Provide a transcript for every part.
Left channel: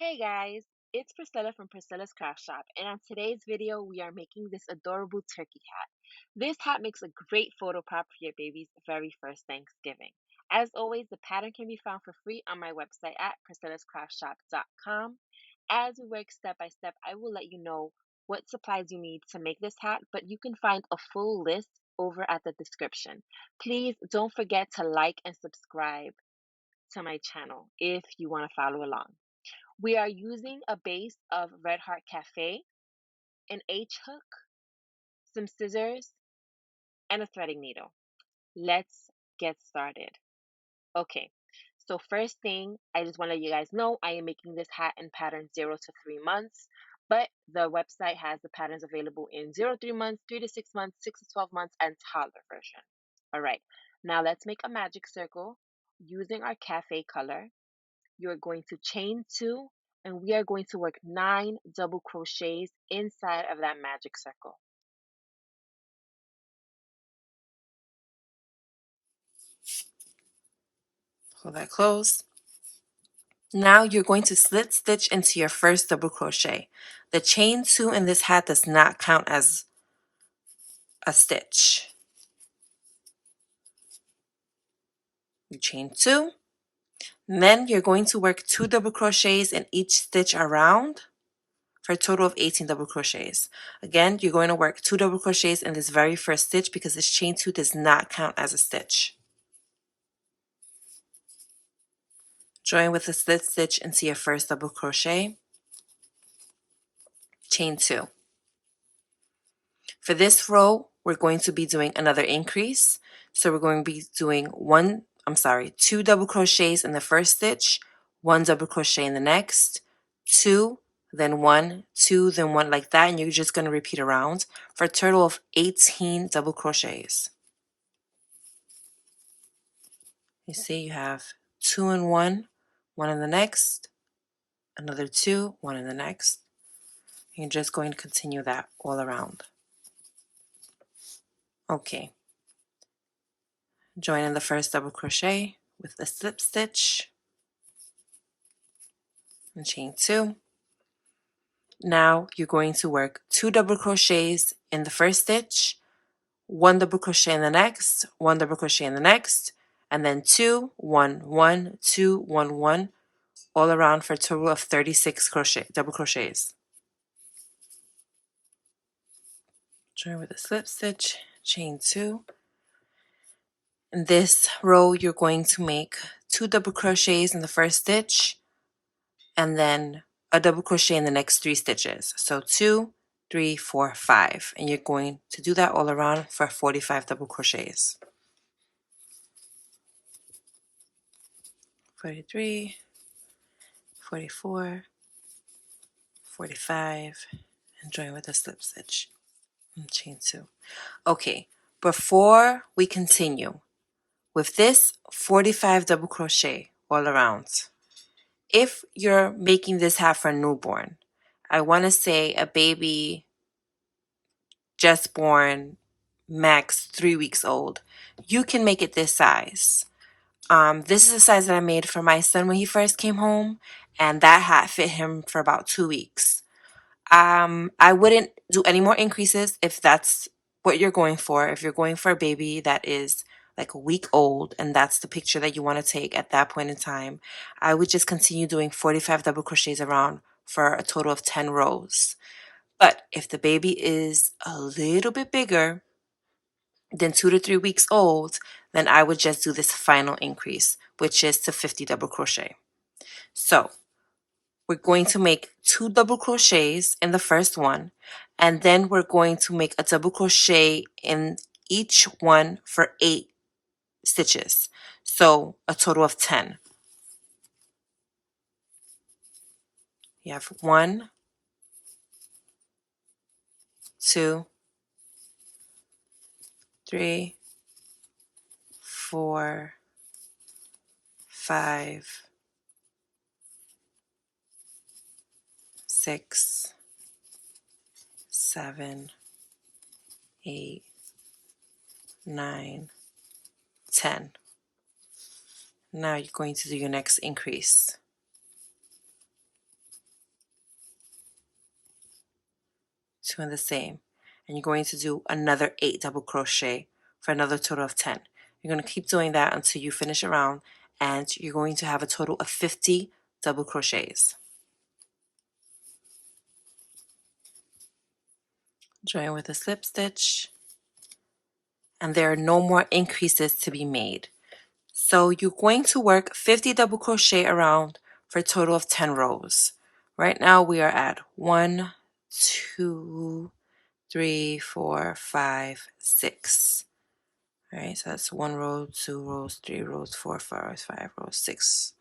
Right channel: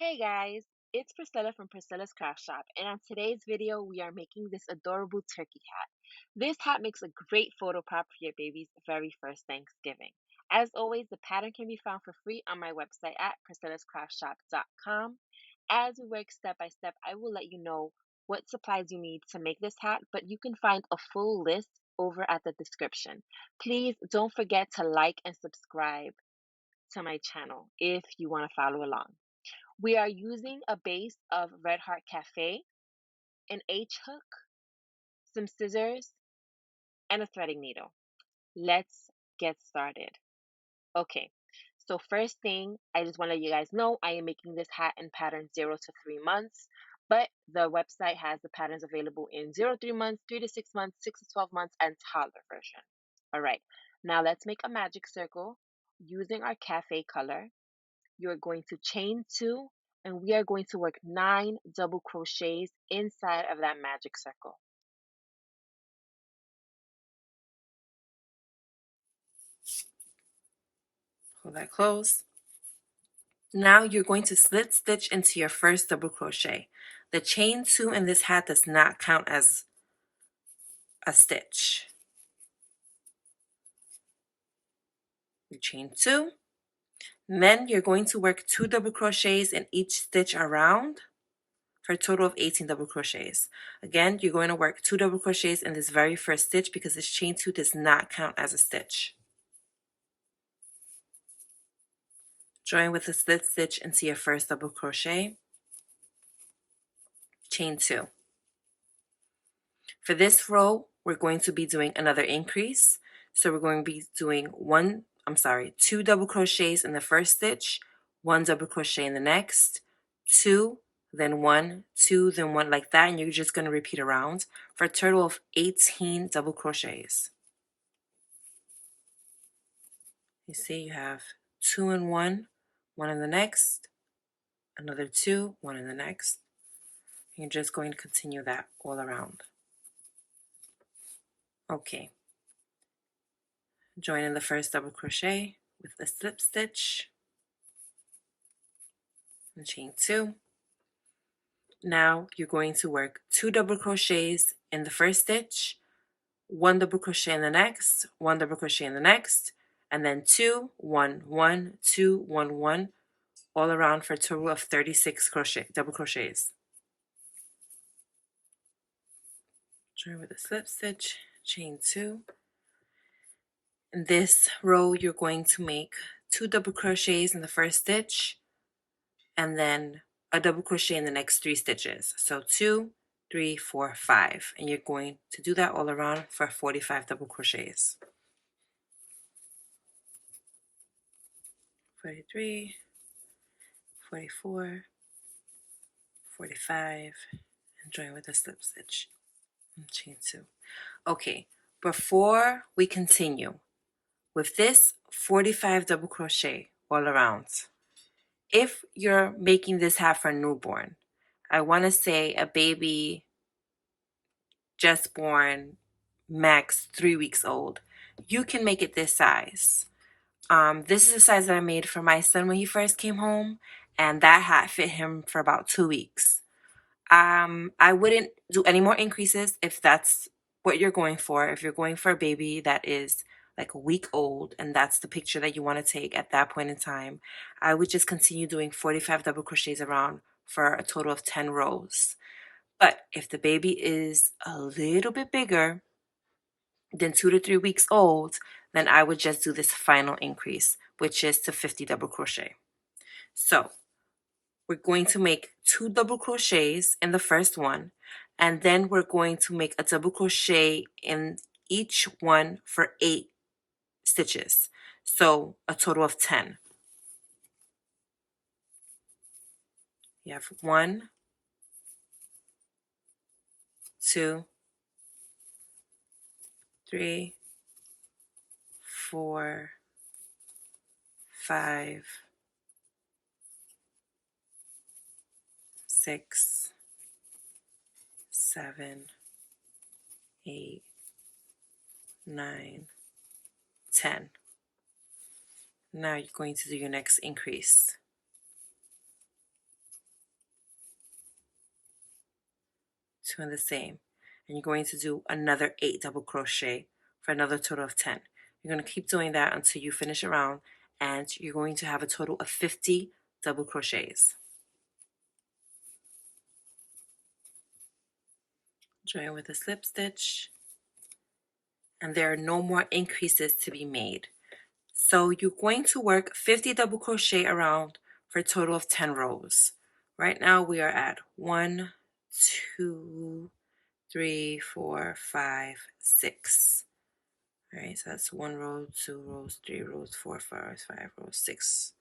Hey guys, it's Priscilla from Priscilla's Craft Shop, and on today's video, we are making this adorable turkey hat. This hat makes a great photo prop for your baby's very first Thanksgiving. As always, the pattern can be found for free on my website at priscillascraftshop.com. As we work step by step, I will let you know what supplies you need to make this hat, but you can find a full list over at the description. Please don't forget to like and subscribe to my channel if you want to follow along. We are using a base of Red Heart Cafe, an H hook, some scissors, and a threading needle. Let's get started. Okay, so first thing, I just want to let you guys know I am making this hat in pattern 0 to 3 months, but the website has the patterns available in 0 to 3 months, 3 to 6 months, 6 to 12 months, and toddler version. All right, now let's make a magic circle using our cafe color. You're going to chain two, and we are going to work 9 double crochets inside of that magic circle. Pull that close. Now you're going to slip stitch into your first double crochet. The chain two in this hat does not count as a stitch. You chain two, then you're going to work 2 double crochets in each stitch around for a total of 18 double crochets. Again, you're going to work 2 double crochets in this very first stitch because this chain two does not count as a stitch. Join with a slip stitch into your first double crochet, chain two. For this row, we're going to be doing another increase. So we're going to be doing 2 double crochets in the first stitch, 1 double crochet in the next, 2, then 1, 2, then 1, like that, and you're just going to repeat around for a total of 18 double crochets. You see you have 2 and 1, 1 in the next, another 2, 1 in the next. You're just going to continue that all around. Okay. Join in the first double crochet with the slip stitch and chain two. Now you're going to work 2 double crochets in the first stitch, 1 double crochet in the next, 1 double crochet in the next, and then 2, 1, 1, 2, 1, 1, all around for a total of 36 double crochets. Join with a slip stitch, chain two. In this row, you're going to make 2 double crochets in the first stitch, and then a double crochet in the next 3 stitches. So 2, 3, 4, 5. And you're going to do that all around for 45 double crochets. 43, 44, 45, and join with a slip stitch and chain two. Okay, before we continue with this 45 double crochet all around, if you're making this hat for a newborn, I want to say a baby just born, max 3 weeks old, you can make it this size. This is the size that I made for my son when he first came home, and that hat fit him for about 2 weeks. I wouldn't do any more increases if that's what you're going for. If you're going for a baby that is like a week old and that's the picture that you want to take at that point in time, I would just continue doing 45 double crochets around for a total of 10 rows. But if the baby is a little bit bigger than 2 to 3 weeks old, then I would just do this final increase, which is to 50 double crochet. So we're going to make 2 double crochets in the first one, and then we're going to make a double crochet in each one for 8 stitches. So a total of 10. You have 1, 2, 3, 4, 5, 6, 7, 8, 9, 10. Now you're going to do your next increase. 2 and the same, and you're going to do another 8 double crochet for another total of 10. You're going to keep doing that until you finish a round, and you're going to have a total of 50 double crochets. Join with a slip stitch, and there are no more increases to be made. So you're going to work 50 double crochet around for a total of 10 rows. Right now we are at 1, 2, 3, 4, 5, 6. All right, so that's 1 row, 2 rows, 3 rows, 4, 5, 5 rows, 6.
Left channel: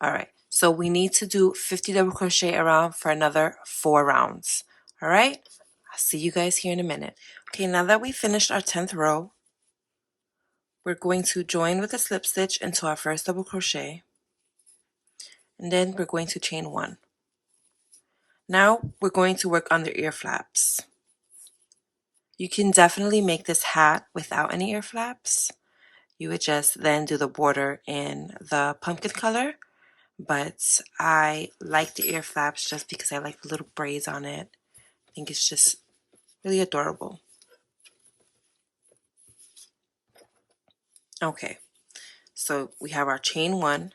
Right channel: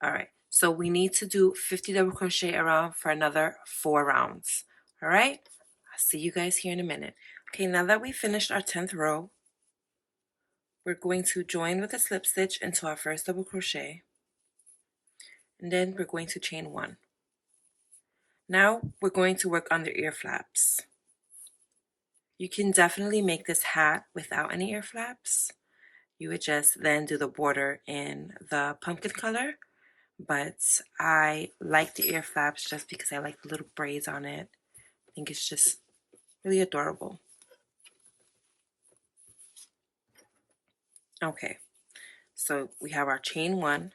All right, so we need to do 50 double crochet around for another 4 rounds. All right, I'll see you guys here in a minute. Okay, now that we finished our 10th row, we're going to join with a slip stitch into our first double crochet, and then we're going to chain 1. Now we're going to work on the ear flaps. You can definitely make this hat without any ear flaps. You would just then do the border in the pumpkin color, but I like the ear flaps just because I like the little braids on it. I think it's just really adorable. Okay, so we have our chain 1,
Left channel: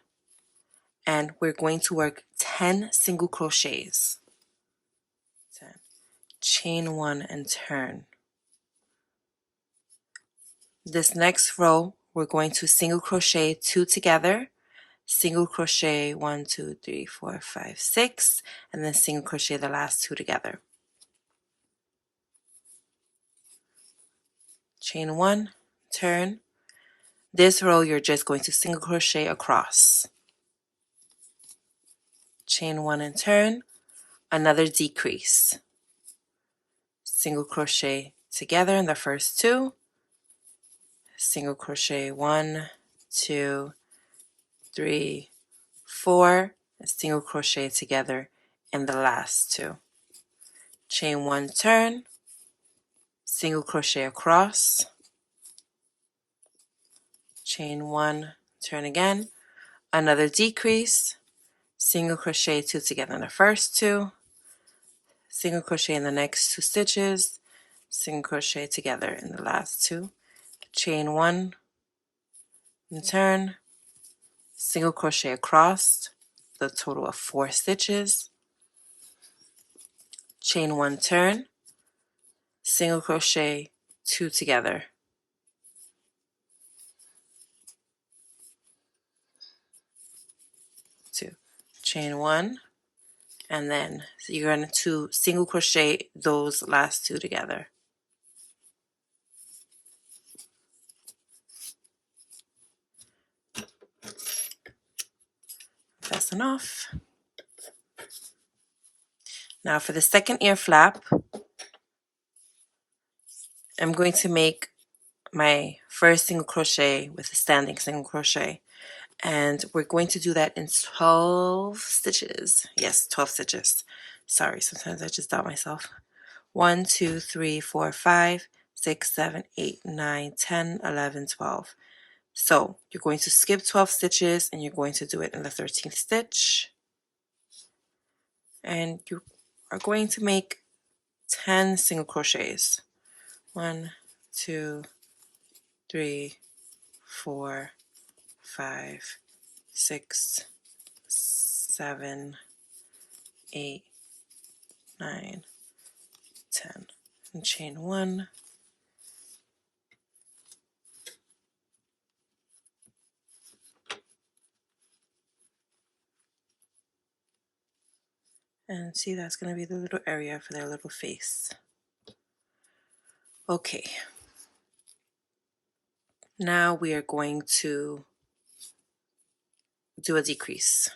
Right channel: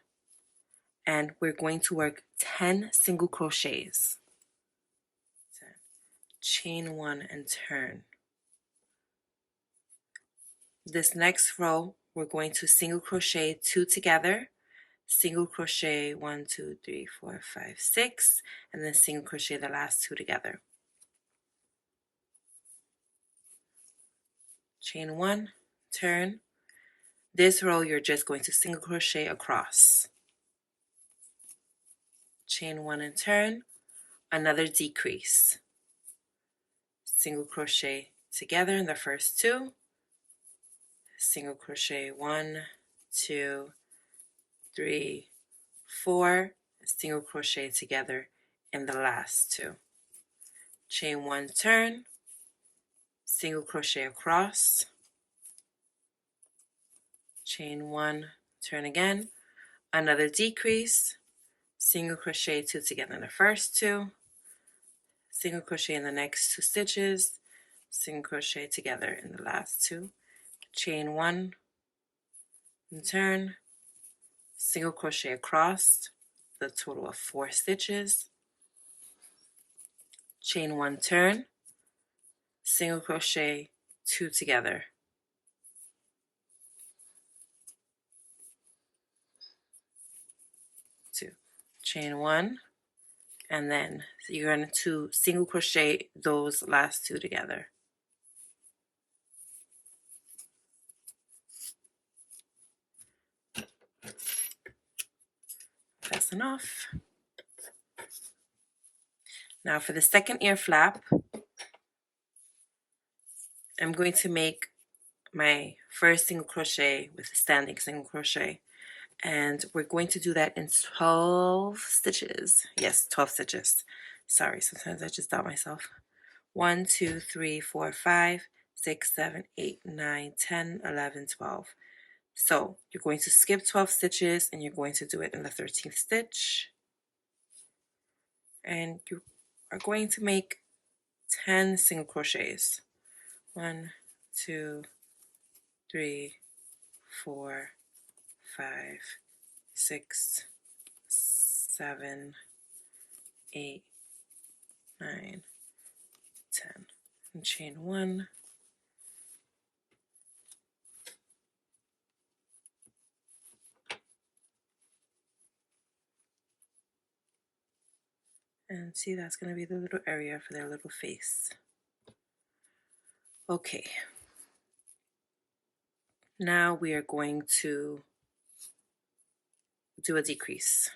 and we're going to work 10 single crochets. 10. Chain 1 and turn. This next row, we're going to single crochet 2 together, single crochet 1, 2, 3, 4, 5, 6, and then single crochet the last 2 together. Chain 1, turn. This row you're just going to single crochet across. Chain 1 and turn, another decrease. Single crochet together in the first 2, single crochet 1, 2, 3, 4, and single crochet together in the last 2. Chain 1, turn, single crochet across, chain 1, turn again, another decrease, single crochet 2 together in the first 2, single crochet in the next 2 stitches, single crochet together in the last 2, chain 1 and turn, single crochet across, the total of 4 stitches, chain 1, turn, single crochet 2 together, 2, chain 1, and then you're going to single crochet those last 2 together. That's enough. Now for the second ear flap, I'm going to make my first single crochet with a standing single crochet, and we're going to do that in 12 stitches. Yes, 12 stitches. Sorry, sometimes I just doubt myself. 1, 2, 3, 4, 5, 6, 7, 8, 9, 10, 11, 12. So you're going to skip 12 stitches and you're going to do it in the 13th stitch. And you are going to make 10 single crochets. 1, 2, 3, 4, 5, 6, 7, 8, 9, 10. And chain 1. And see, that's going to be the little area for their little face. Okay. Now we are going to do a decrease.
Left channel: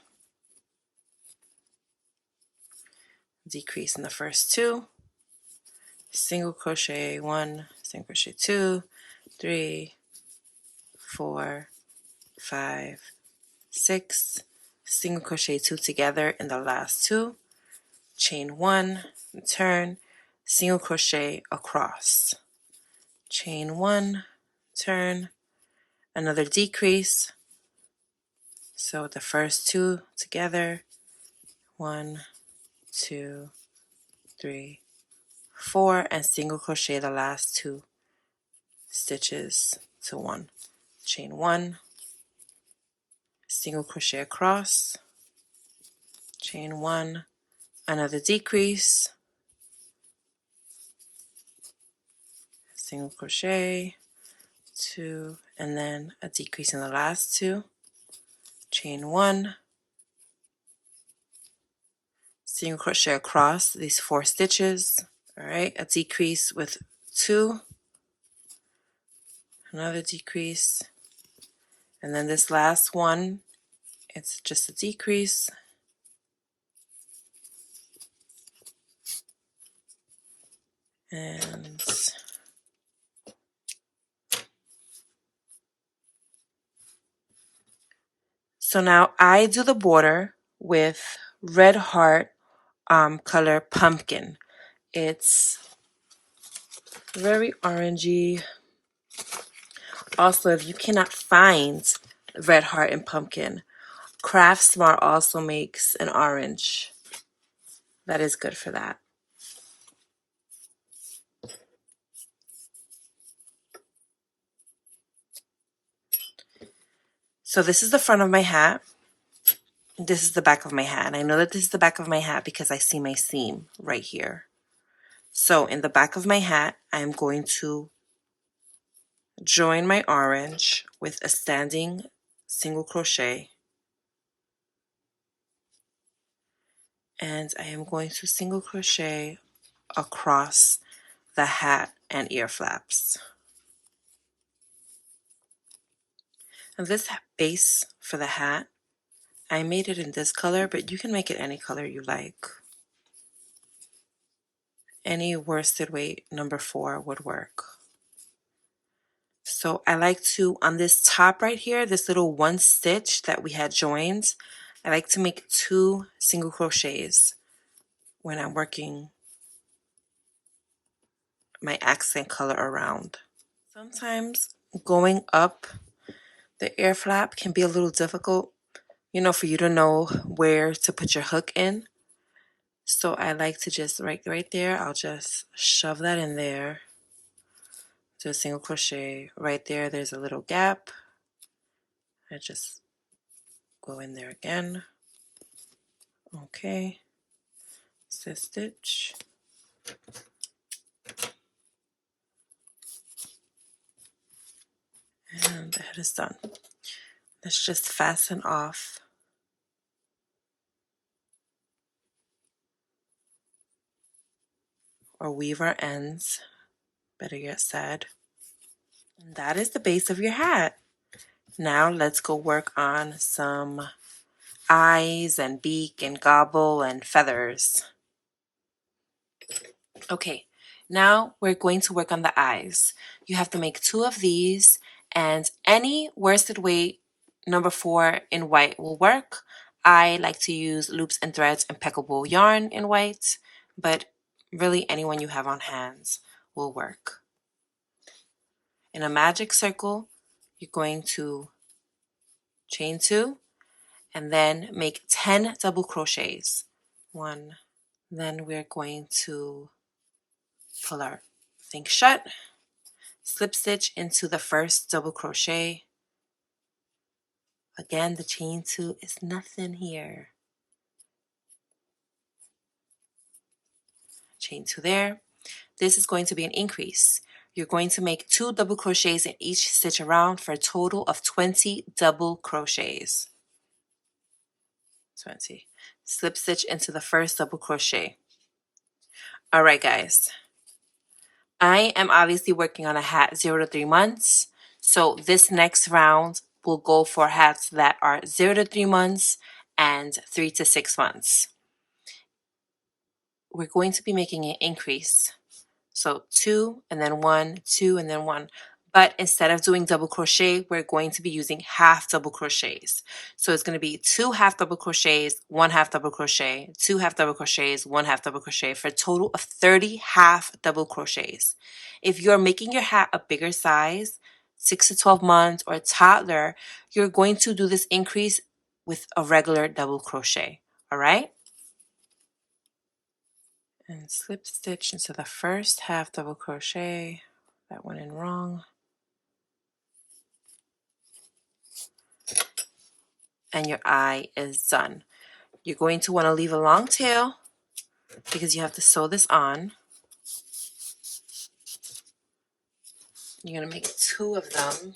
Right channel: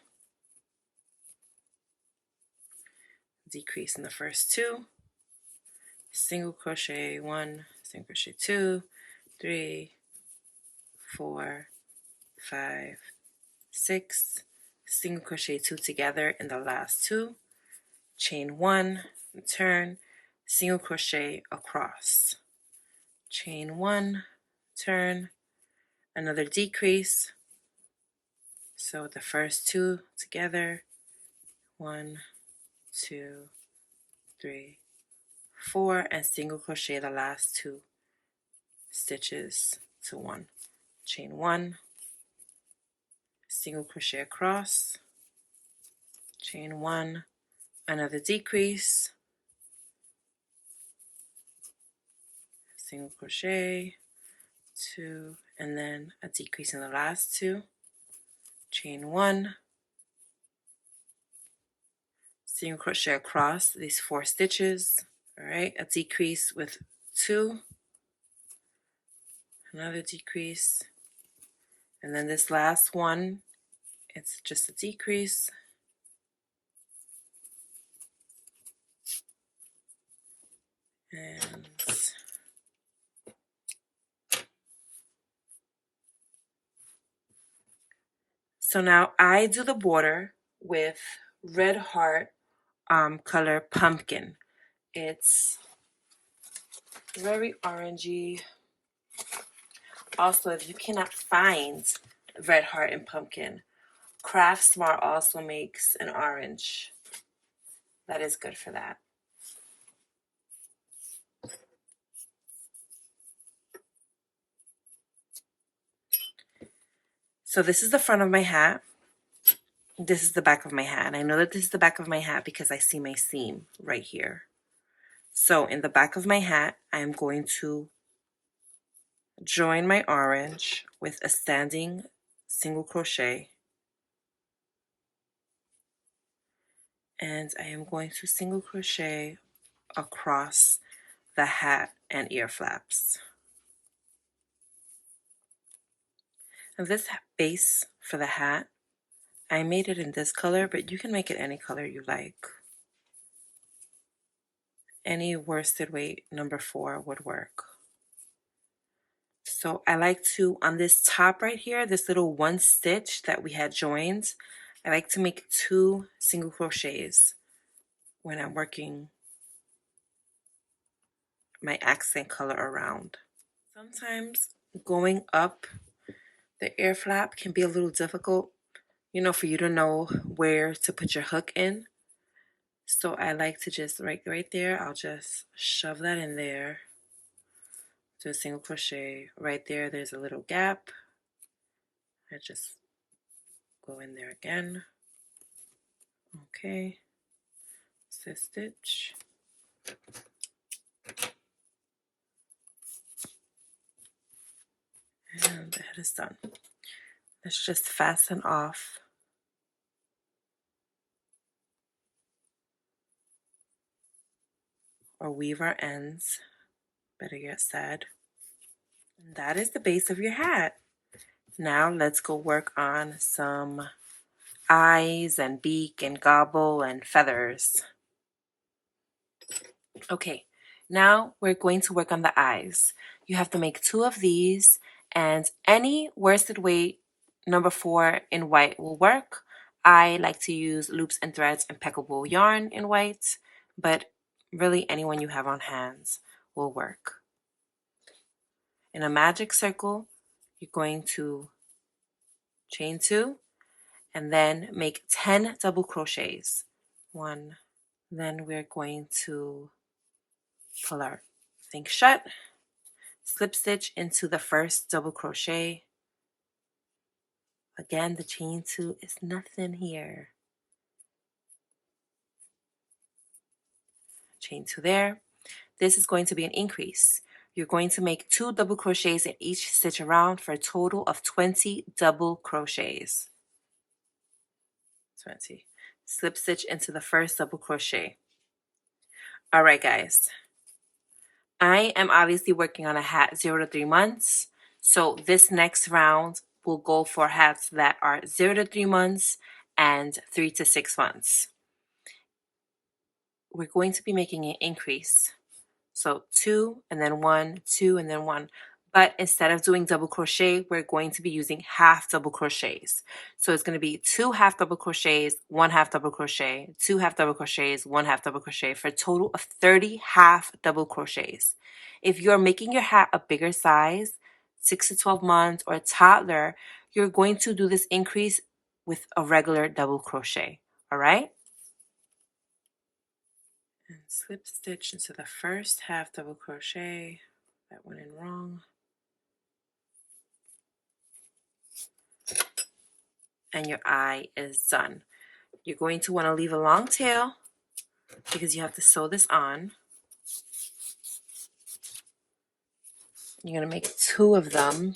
Decrease in the first 2. Single crochet 1, single crochet 2, 3, 4, 5, 6, single crochet 2 together in the last 2, chain 1, turn, single crochet across, chain 1, turn, another decrease. So the first 2 together, 1, 2, 3, 4, and single crochet the last 2 stitches to 1. Chain 1, single crochet across, chain 1, another decrease, single crochet, 2, and then a decrease in the last 2, chain 1, single crochet across these 4 stitches. All right, a decrease with 2, another decrease, and then this last one, it's just a decrease, and so now I do the border with Red Heart color Pumpkin. It's very orangey. Also, if you cannot find Red Heart and Pumpkin, Craft Smart also makes an orange. That is good for that. So this is the front of my hat. This is the back of my hat. And I know that this is the back of my hat because I see my seam right here. So in the back of my hat, I'm going to join my orange with a standing single crochet. And I am going to single crochet across the hat and ear flaps. And this base for the hat, I made it in this color, but you can make it any color you like. Any worsted weight number 4 would work. So I like to, on this top right here, this little 1 stitch that we had joined, I like to make 2 single crochets when I'm working my accent color around. Sometimes going up the ear flap can be a little difficult, you know, for you to know where to put your hook in. So I like to just right there, I'll just shove that in there. Do a single crochet right there. There's a little gap. I just go in there again. Okay. Slip stitch. And the head is done. Let's just fasten off or weave our ends, better yet said. And that is the base of your hat. Now let's go work on some eyes and beak and gobble and feathers. Okay, now we're going to work on the eyes. You have to make 2 of these, and any worsted weight number 4 in white will work. I like to use Loops and Threads Impeccable yarn in white, but really anyone you have on hands will work. In a magic circle, you're going to chain 2 and then make 10 double crochets. 1. Then we're going to pull our thing shut, slip stitch into the first double crochet. Again, the chain 2 is nothing here. Chain 2 there. This is going to be an increase. You're going to make 2 double crochets in each stitch around for a total of 20 double crochets. 20. Slip stitch into the first double crochet. All right, guys. I am obviously working on a hat 0 to 3 months. So this next round will go for hats that are 0 to 3 months and 3 to 6 months. We're going to be making an increase. So 2 and then 1, 2 and then 1. But instead of doing double crochet, we're going to be using half double crochets. So it's going to be 2 half double crochets, 1 half double crochet, 2 half double crochets, 1 half double crochet for a total of 30 half double crochets. If you're making your hat a bigger size, 6 to 12 months or a toddler, you're going to do this increase with a regular double crochet. All right? and slip stitch into the first half double crochet. That went in wrong. And your eye is done. You're going to want to leave a long tail because you have to sew this on. You're going to make 2 of them.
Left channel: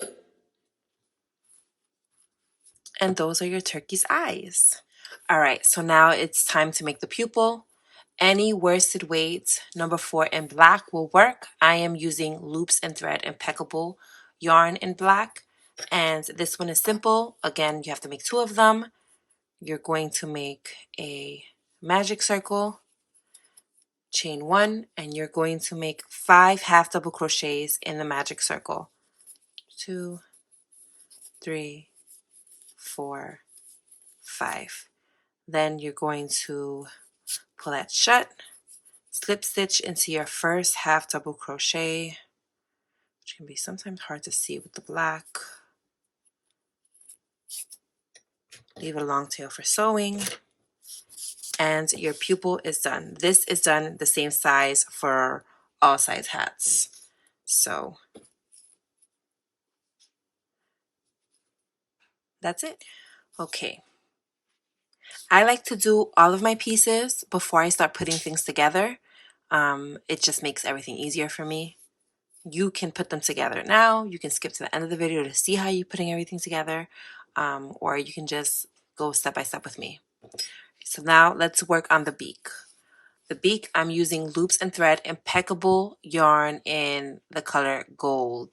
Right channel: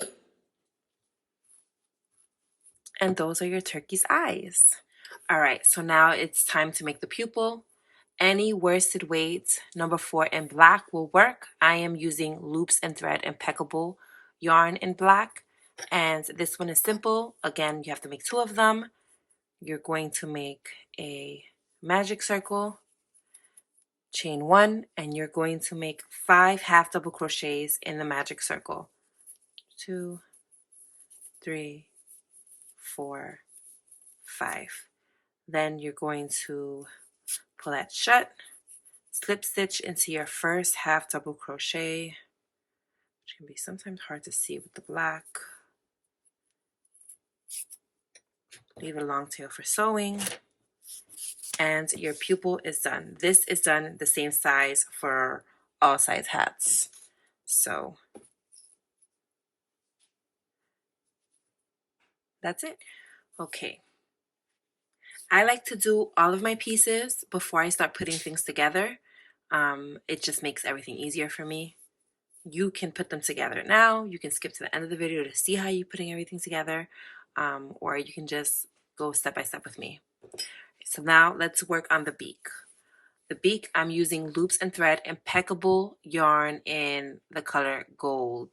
And those are your turkey's eyes. All right, so now it's time to make the pupil. Any worsted weight number 4 in black will work. I am using loops and thread Impeccable yarn in black. And this one is simple. Again, you have to make 2 of them. You're going to make a magic circle, chain 1, and you're going to make 5 half double crochets in the magic circle. 2, 3, 4, 5. Then you're going to pull that shut, slip stitch into your first half double crochet, which can be sometimes hard to see with the black. Leave a long tail for sewing, and your pupil is done. This is done the same size for all size hats. So that's it. Okay. I like to do all of my pieces before I start putting things together. It just makes everything easier for me. You can put them together now. You can skip to the end of the video to see how you're putting everything together, or you can just go step by step with me. So now let's work on the beak. The beak, I'm using loops and thread Impeccable yarn in the color gold.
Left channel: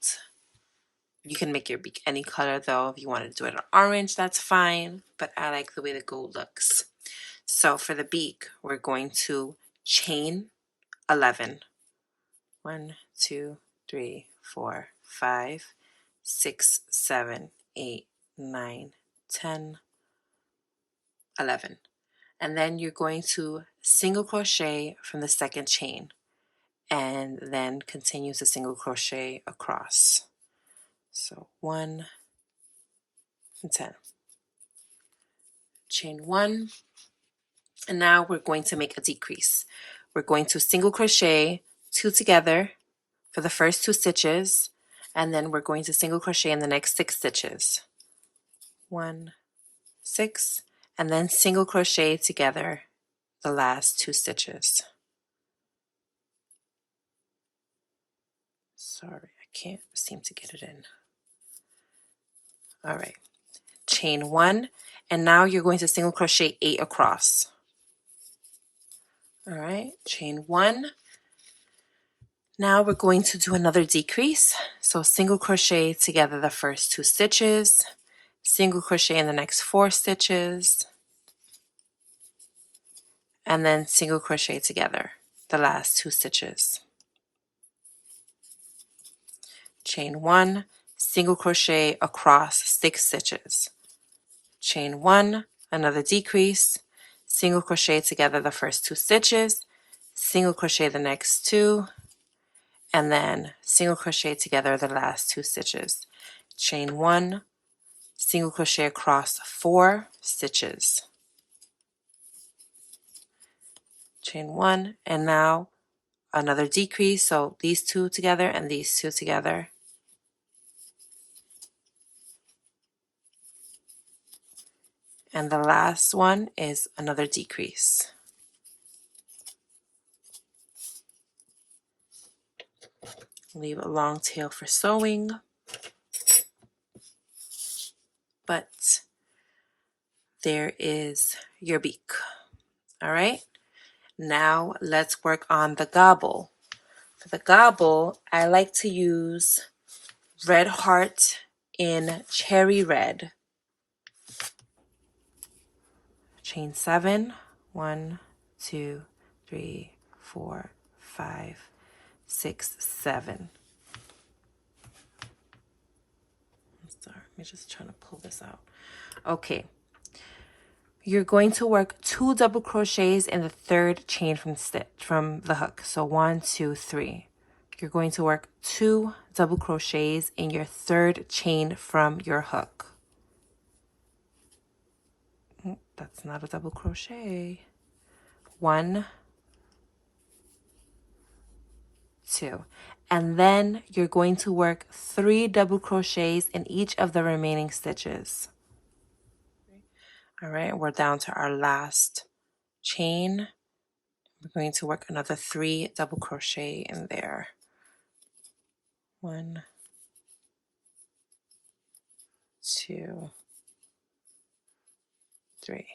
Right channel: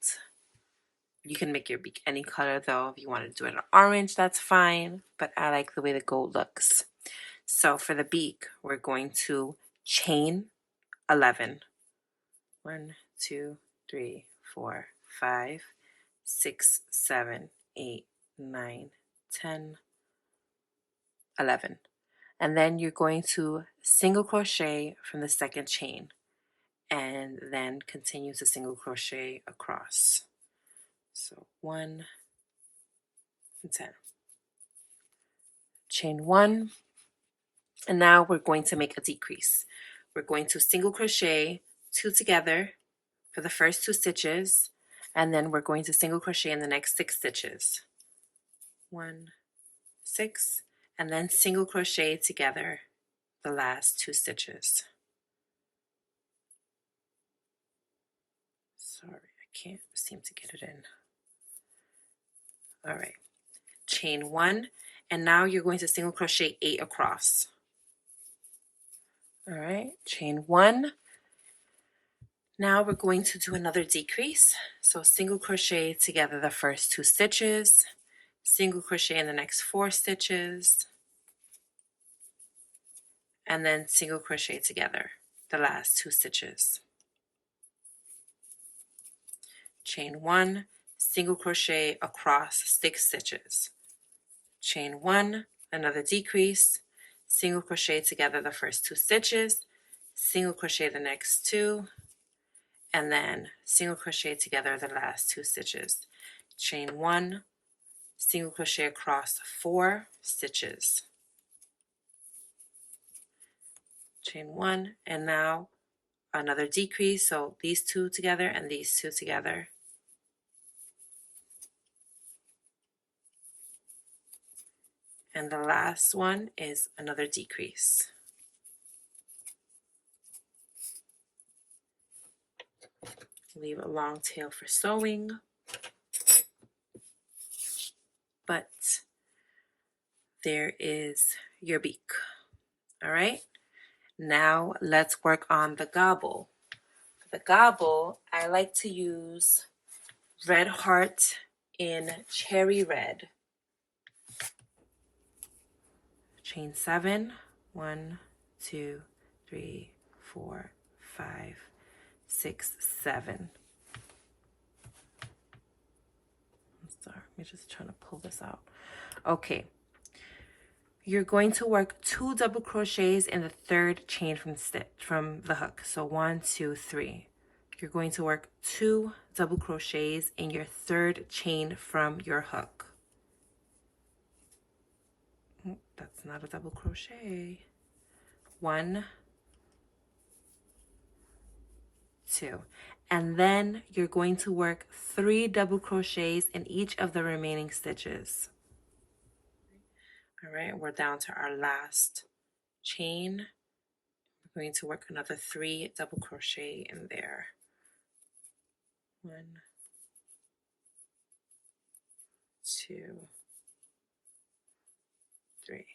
You can make your beak any color though. If you want to do it in orange, that's fine, but I like the way the gold looks. So for the beak, we're going to chain 11. 1, 2, 3, 4, 5, 6, 7, 8, 9, 10, 11. And then you're going to single crochet from the second chain and then continue to single crochet across. So 1 and 10. Chain 1, and now we're going to make a decrease. We're going to single crochet 2 together for the first 2 stitches, and then we're going to single crochet in the next 6 stitches. 1, 6, and then single crochet together the last 2 stitches. Sorry, I can't seem to get it in. All right, chain 1, and now you're going to single crochet 8 across. All right, chain 1. Now we're going to do another decrease. So single crochet together the first 2 stitches, single crochet in the next 4 stitches, and then single crochet together the last 2 stitches. Chain 1, single crochet across 6 stitches. Chain 1, another decrease, single crochet together the first 2 stitches, single crochet the next 2, and then single crochet together the last 2 stitches. Chain 1, single crochet across 4 stitches. Chain 1, and now another decrease, so these 2 together and these 2 together. And the last one is another decrease. Leave a long tail for sewing. But there is your beak. All right, now let's work on the gobble. For the gobble, I like to use red heart in cherry red. Chain 7, 1, 2, 3, 4, 5, 6, 7. I'm sorry, I'm just trying to pull this out. Okay, you're going to work 2 double crochets in the 3rd chain from the hook. So 1, 2, 3. You're going to work 2 double crochets in your 3rd chain from your hook. That's not a double crochet. 1, 2. And then you're going to work 3 double crochets in each of the remaining stitches. All right, we're down to our last chain. We're going to work another 3 double crochet in there. 1, 2, 3.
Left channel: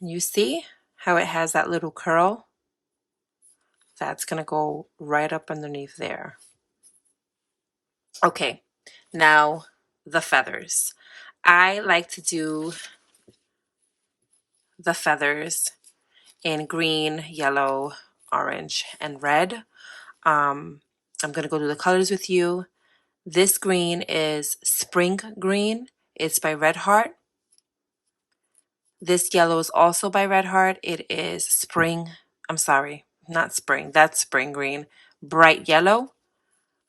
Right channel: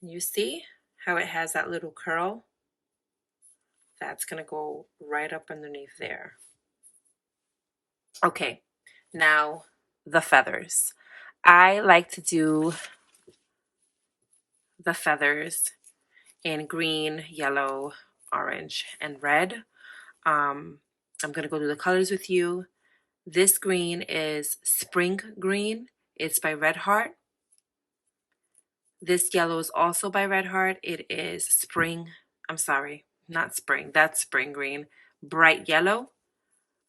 You see how it has that little curl? That's going to go right up underneath there. Okay, now the feathers. I like to do the feathers in green, yellow, orange, and red. I'm going to go through the colors with you. This green is Spring Green. It's by Red Heart. This yellow is also by Red Heart. It is Spring, I'm sorry, not Spring, that's Spring Green. Bright Yellow.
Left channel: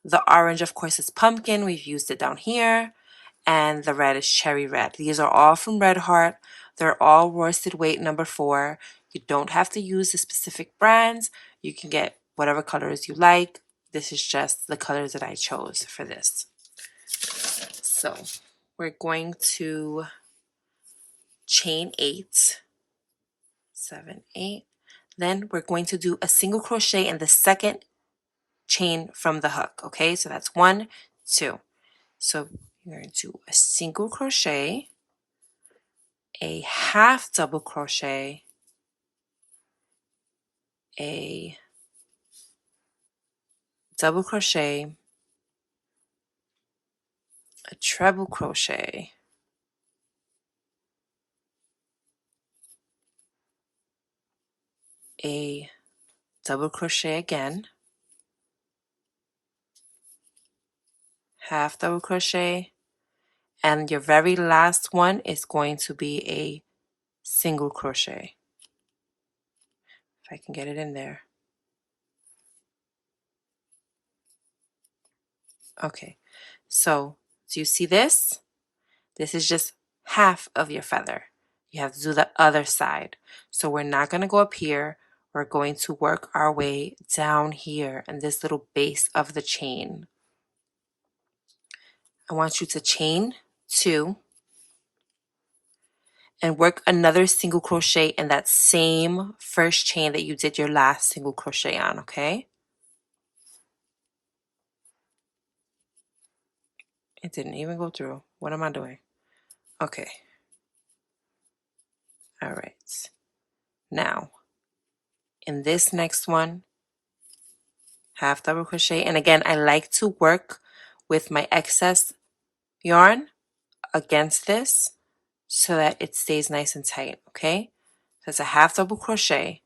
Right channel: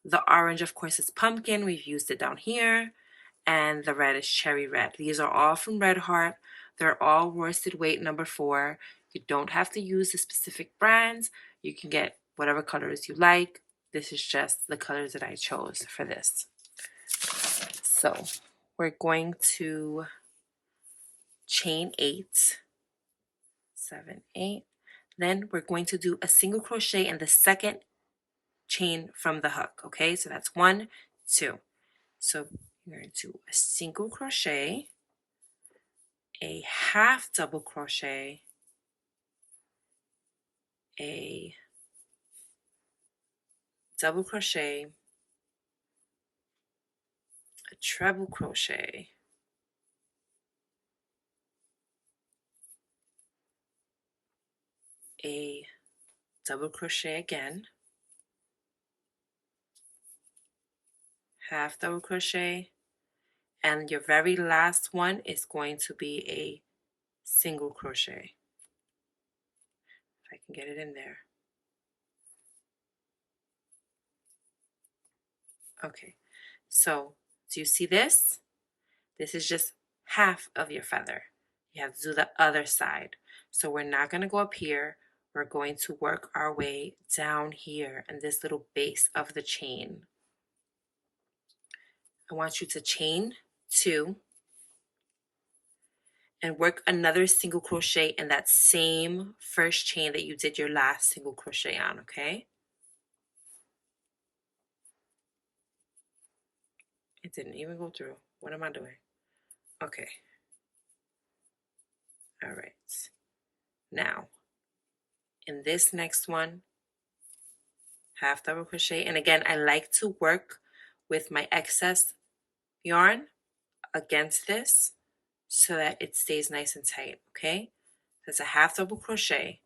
The orange, of course, is Pumpkin. We've used it down here. And the red is Cherry Red. These are all from Red Heart. They're all worsted weight number 4. You don't have to use the specific brands. You can get whatever colors you like. This is just the colors that I chose for this. So we're going to chain 8, 7, 8. Then we're going to do a single crochet in the second chain from the hook. Okay, so that's 1, 2. So you're going to do a single crochet, a half double crochet, a double crochet, a treble crochet, a double crochet again, half double crochet, and your very last one is going to be a single crochet. If I can get it in there. Okay, so do you see this? This is just half of your feather. You have to do the other side. So we're not going to go up here. We're going to work our way down here in this little base of the chain. I want you to chain 2 and work another single crochet in that same first chain that you did your last single crochet on, okay? It didn't even go through. What am I doing? Okay. All right. Now, in this next one, half double crochet. And again, I like to work with my excess yarn against this so that it stays nice and tight, okay? That's a half double crochet.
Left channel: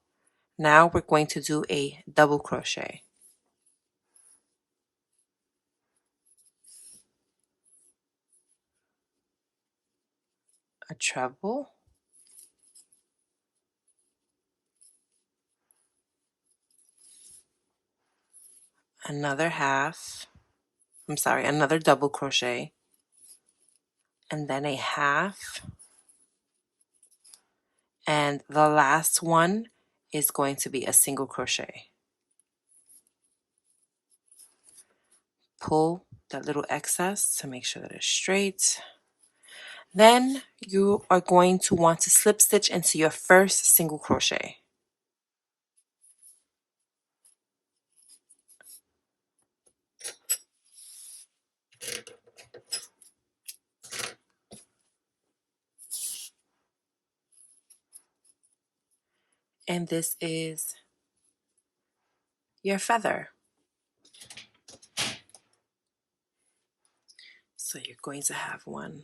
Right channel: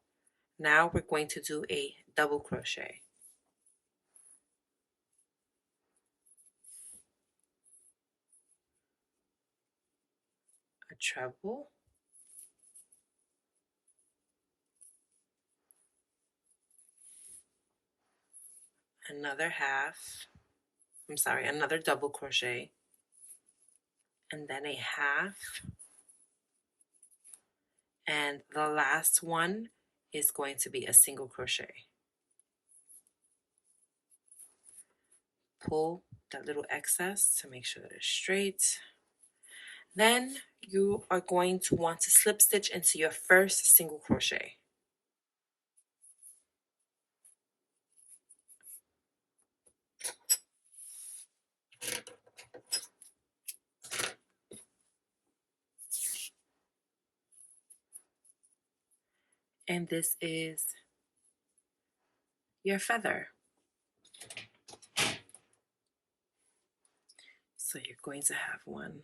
Now we're going to do a double crochet. A treble. Another another double crochet. And then a half. And the last one is going to be a single crochet. Pull that little excess to make sure that it's straight. Then you are going to want to slip stitch into your first single crochet. And this is your feather. So you're going to have one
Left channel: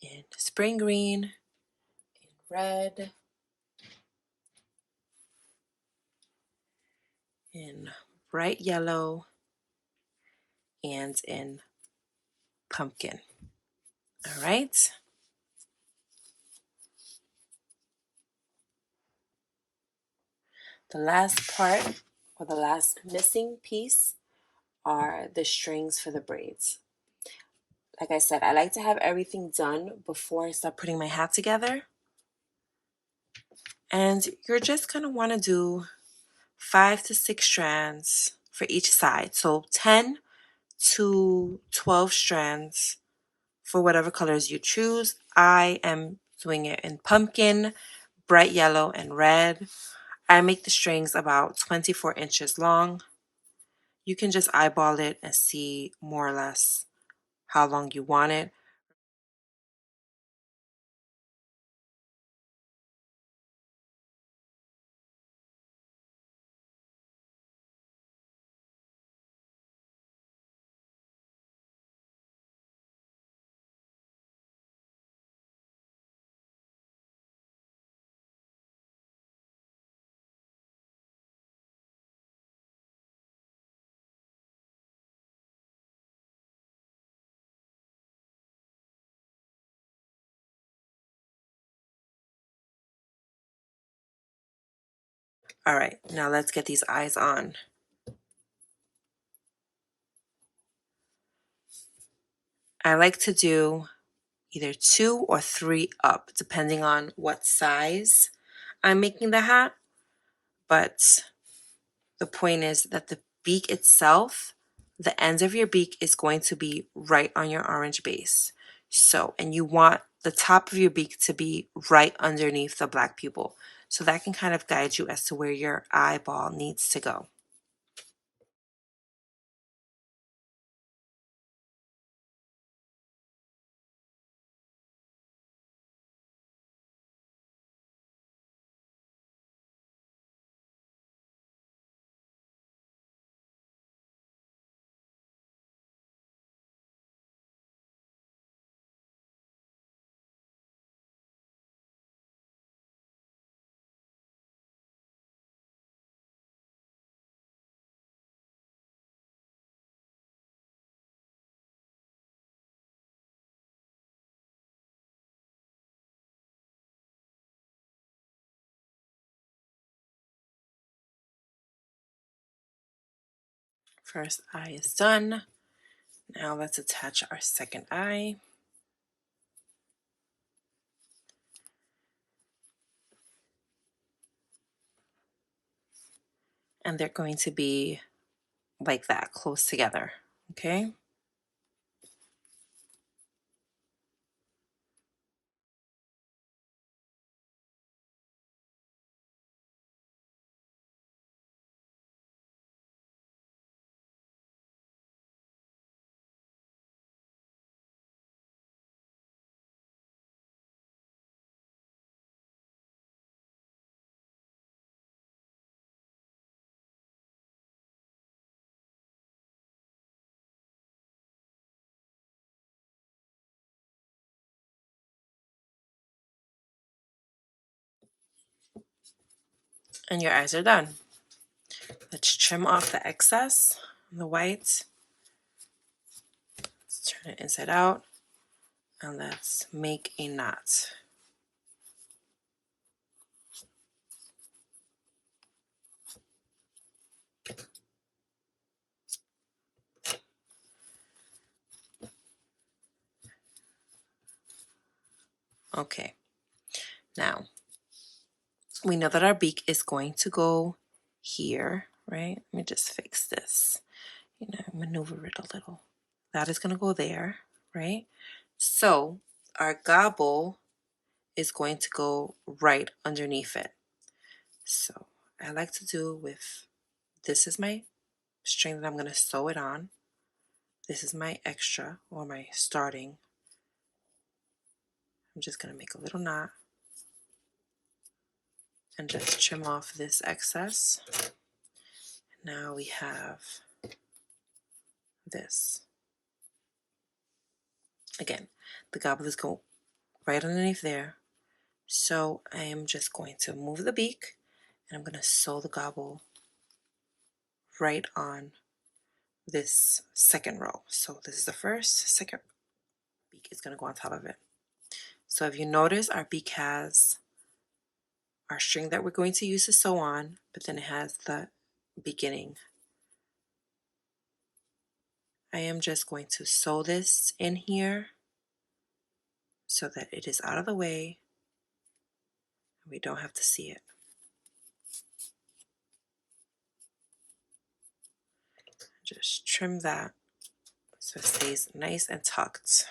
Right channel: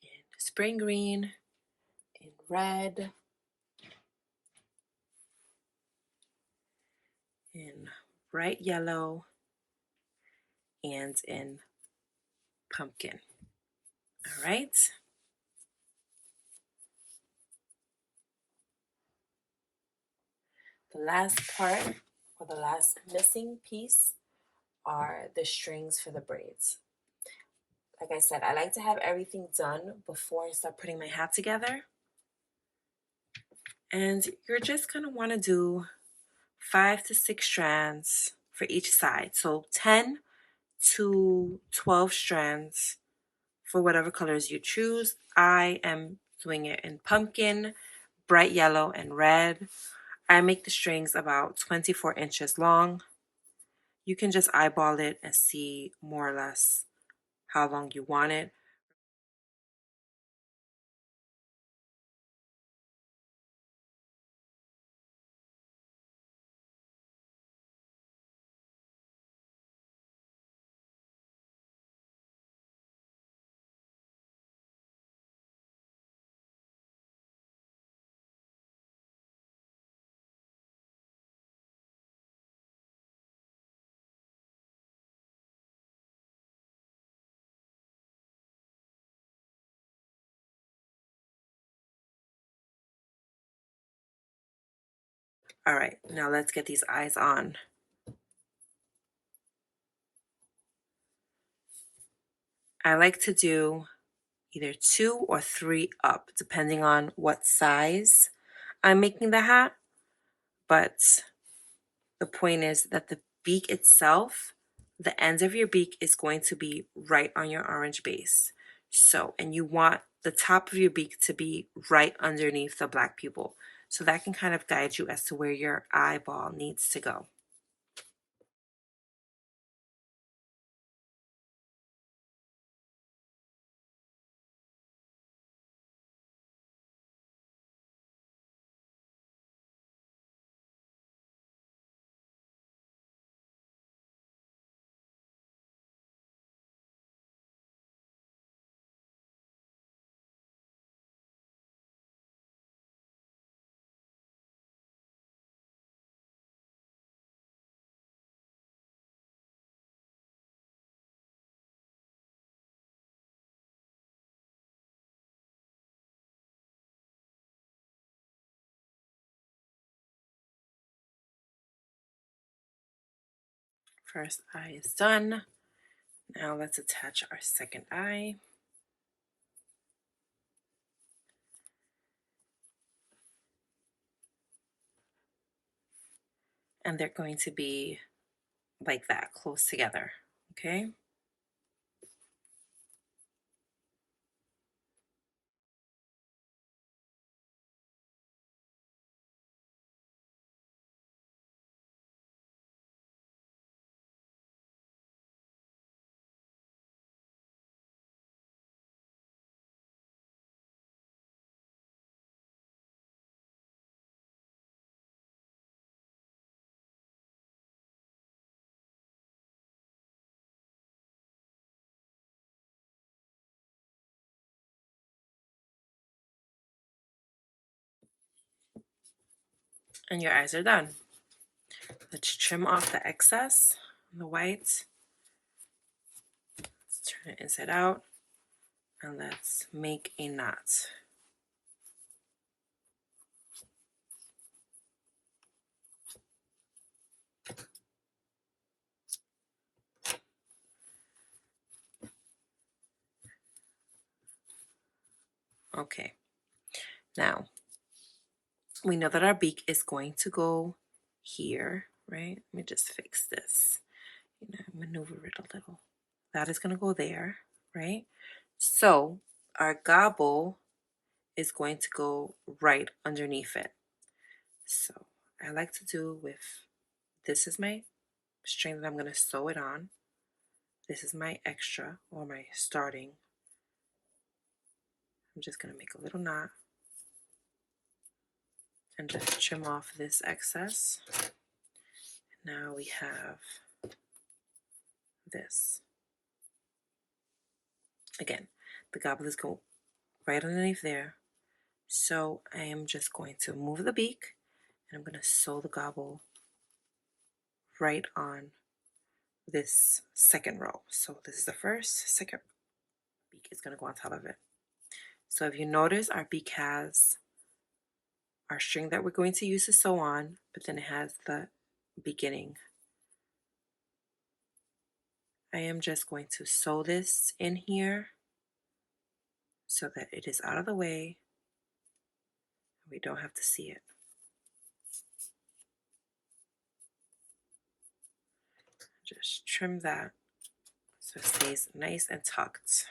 in spring green, in red, in bright yellow, and in pumpkin. All right. The last part, or the last missing piece, are the strings for the braids. like I said, I like to have everything done before I start putting my hat together. And you're just going to want to do 5 to 6 strands for each side. So 10 to 12 strands for whatever colors you choose. I am doing it in pumpkin, bright yellow, and red. I make the strings about 24 inches long. You can just eyeball it and see more or less how long you want it. All right, now let's get these eyes on. I like to do either 2 or 3 up, depending on what size I'm making the hat. But the point is that the beak itself, the ends of your beak is going to be right on your orange base. So, and you want the top of your beak to be right underneath the black pupil. So that can kind of guide you as to where your eyeball needs to go. First eye is done. Now let's attach our second eye. And they're going to be like that, close together, okay? And your eyes are done. Let's trim off the excess, the white. Let's turn it inside out. And let's make a knot. Okay, now we know that our beak is going to go here, right? Let me just fix this, maneuver it a little. That is going to go there, right? So our gobble is going to go right underneath it. So I like to do with, this is my string that I'm going to sew it on. This is my extra or my starting. I'm just going to make a little knot and just trim off this excess. Now we have this. Again, the gobble is going right underneath there. So I am just going to move the beak and I'm going to sew the gobble right on this second row. So this is the first, second beak is going to go on top of it. So if you notice, our beak has our string that we're going to use to sew on, but then it has the beginning I am just going to sew this in here so that it is out of the way. We don't have to see it. Just trim that so it stays nice and tucked.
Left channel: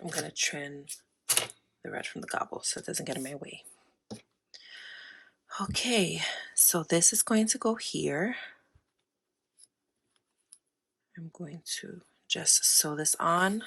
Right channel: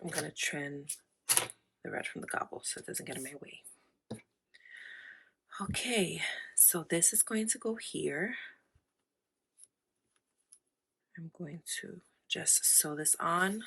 I'm going to trim the red from the gobble so it doesn't get in my way. Okay, so this is going to go here. I'm going to just sew this on.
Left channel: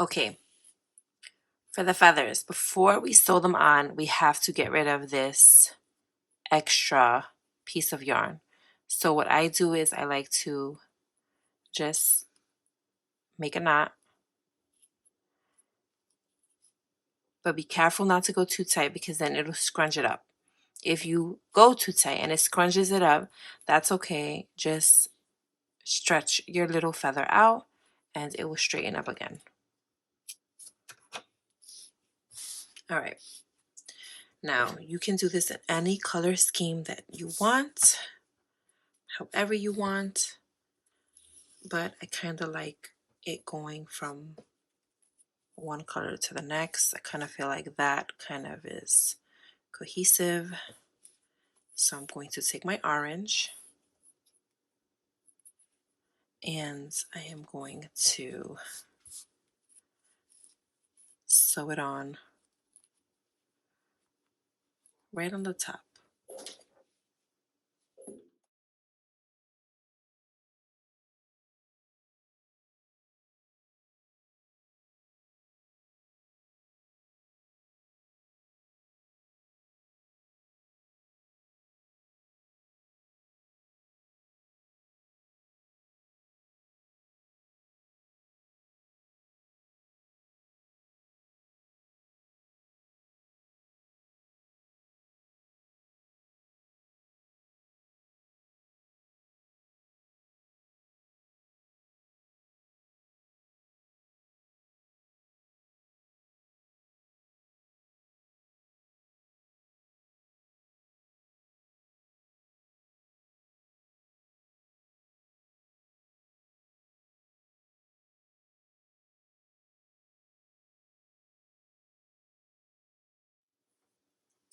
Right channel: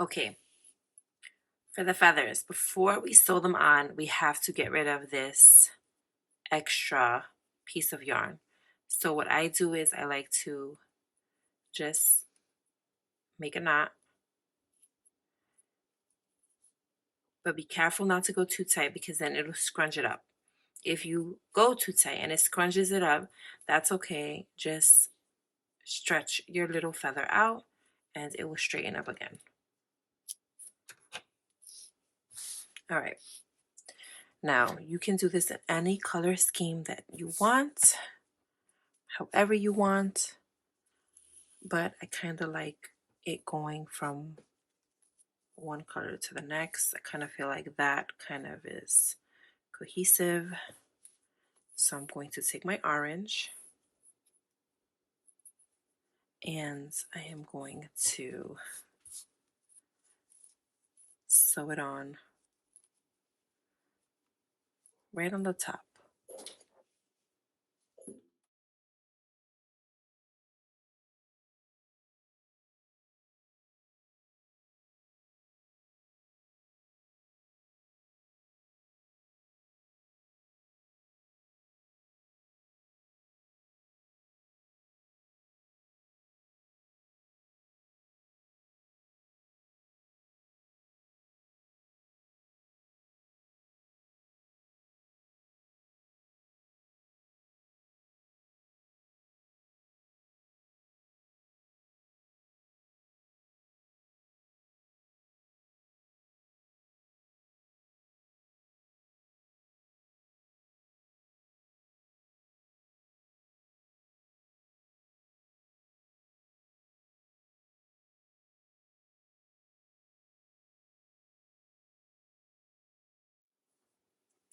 Okay, for the feathers, before we sew them on, we have to get rid of this extra piece of yarn. So what I do is I like to just make a knot, but be careful not to go too tight because then it'll scrunch it up. If you go too tight and it scrunches it up, that's okay. Just stretch your little feather out and it will straighten up again. All right. Now you can do this in any color scheme that you want, however you want, but I kind of like it going from one color to the next. I kind of feel like that kind of is cohesive. So I'm going to take my orange and I am going to sew it on right on the top.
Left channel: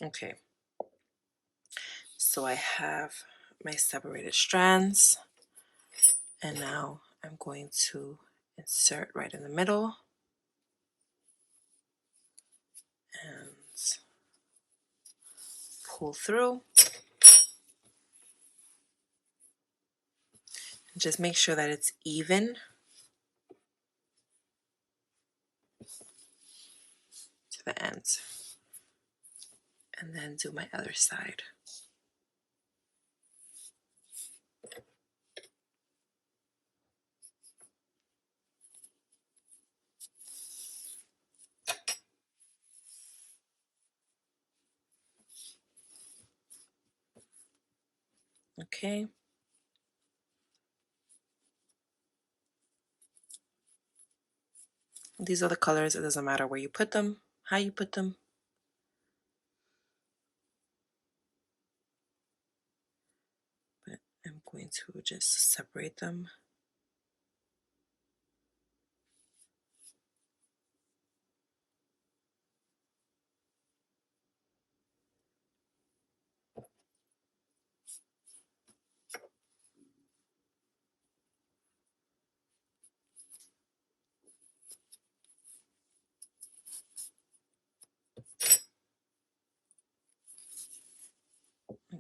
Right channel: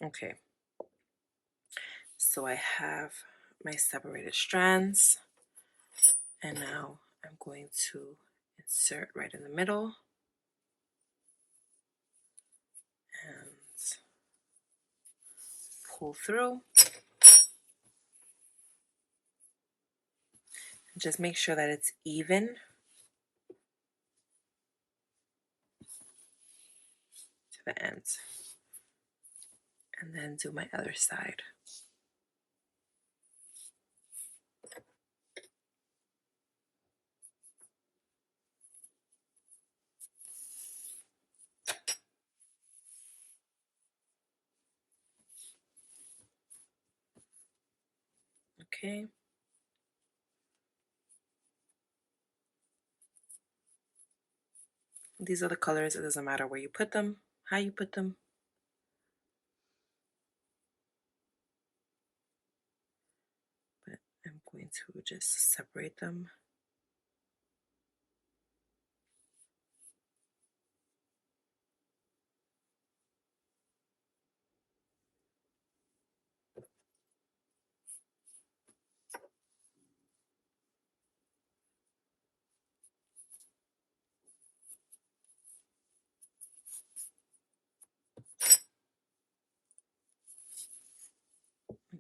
Okay, so I have my separated strands and now I'm going to insert right in the middle and pull through. Just make sure that it's even to the end. And then do my other side. Okay. These are the colors. It doesn't matter where you put them, how you put them. But I'm going to just separate them.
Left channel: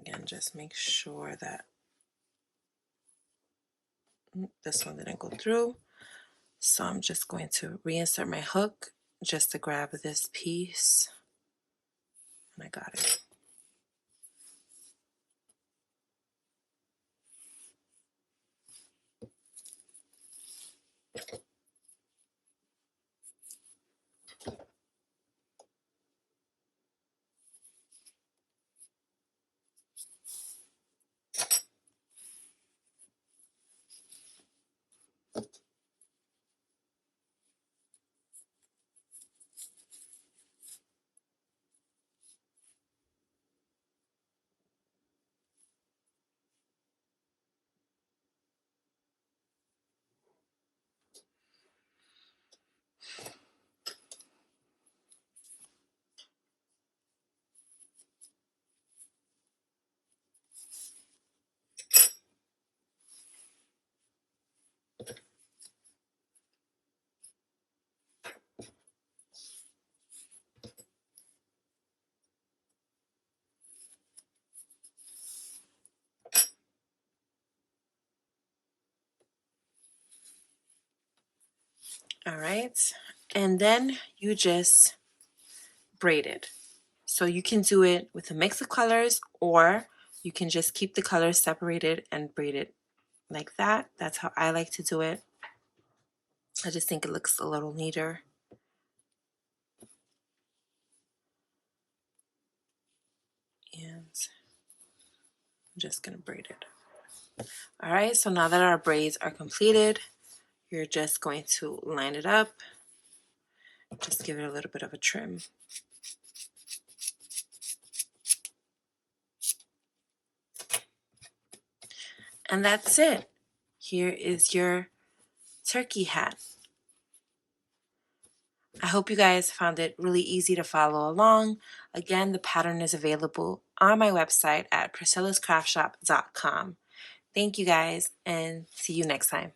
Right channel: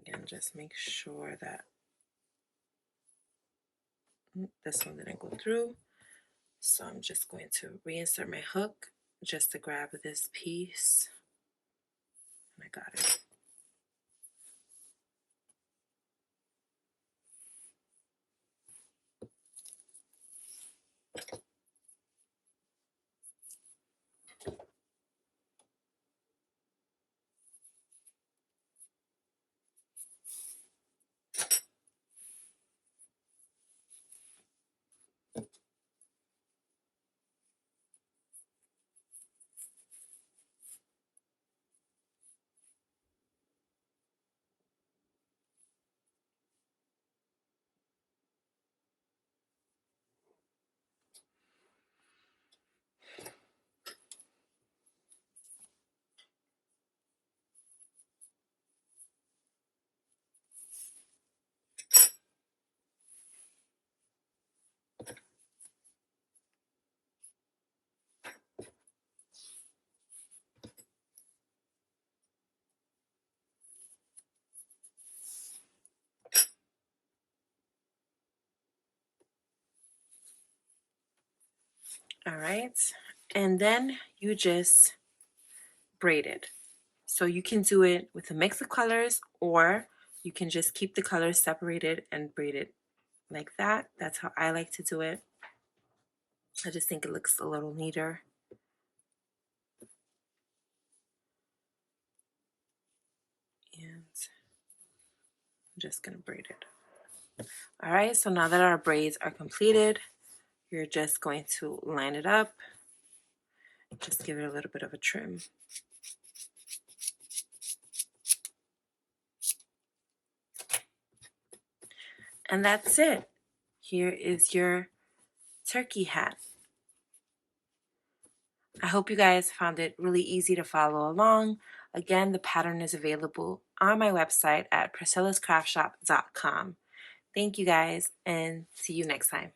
Again, just make sure that This one didn't go through. So I'm just going to reinsert my hook just to grab this piece. And I got it. All right. And then you just braid it. So you can do it with a mix of colors, or you can just keep the colors separated and braid it like that. That's how I like to do it. I just think it looks a little neater. And I'm just going to braid it. All right, so now that our braids are completed, you're just going to line it up. Just give it a little bit of a trim. And that's it. Here is your turkey hat. I hope you guys found it really easy to follow along. Again, the pattern is available on my website at priscillascraftshop.com. Thank you guys, and see you next time.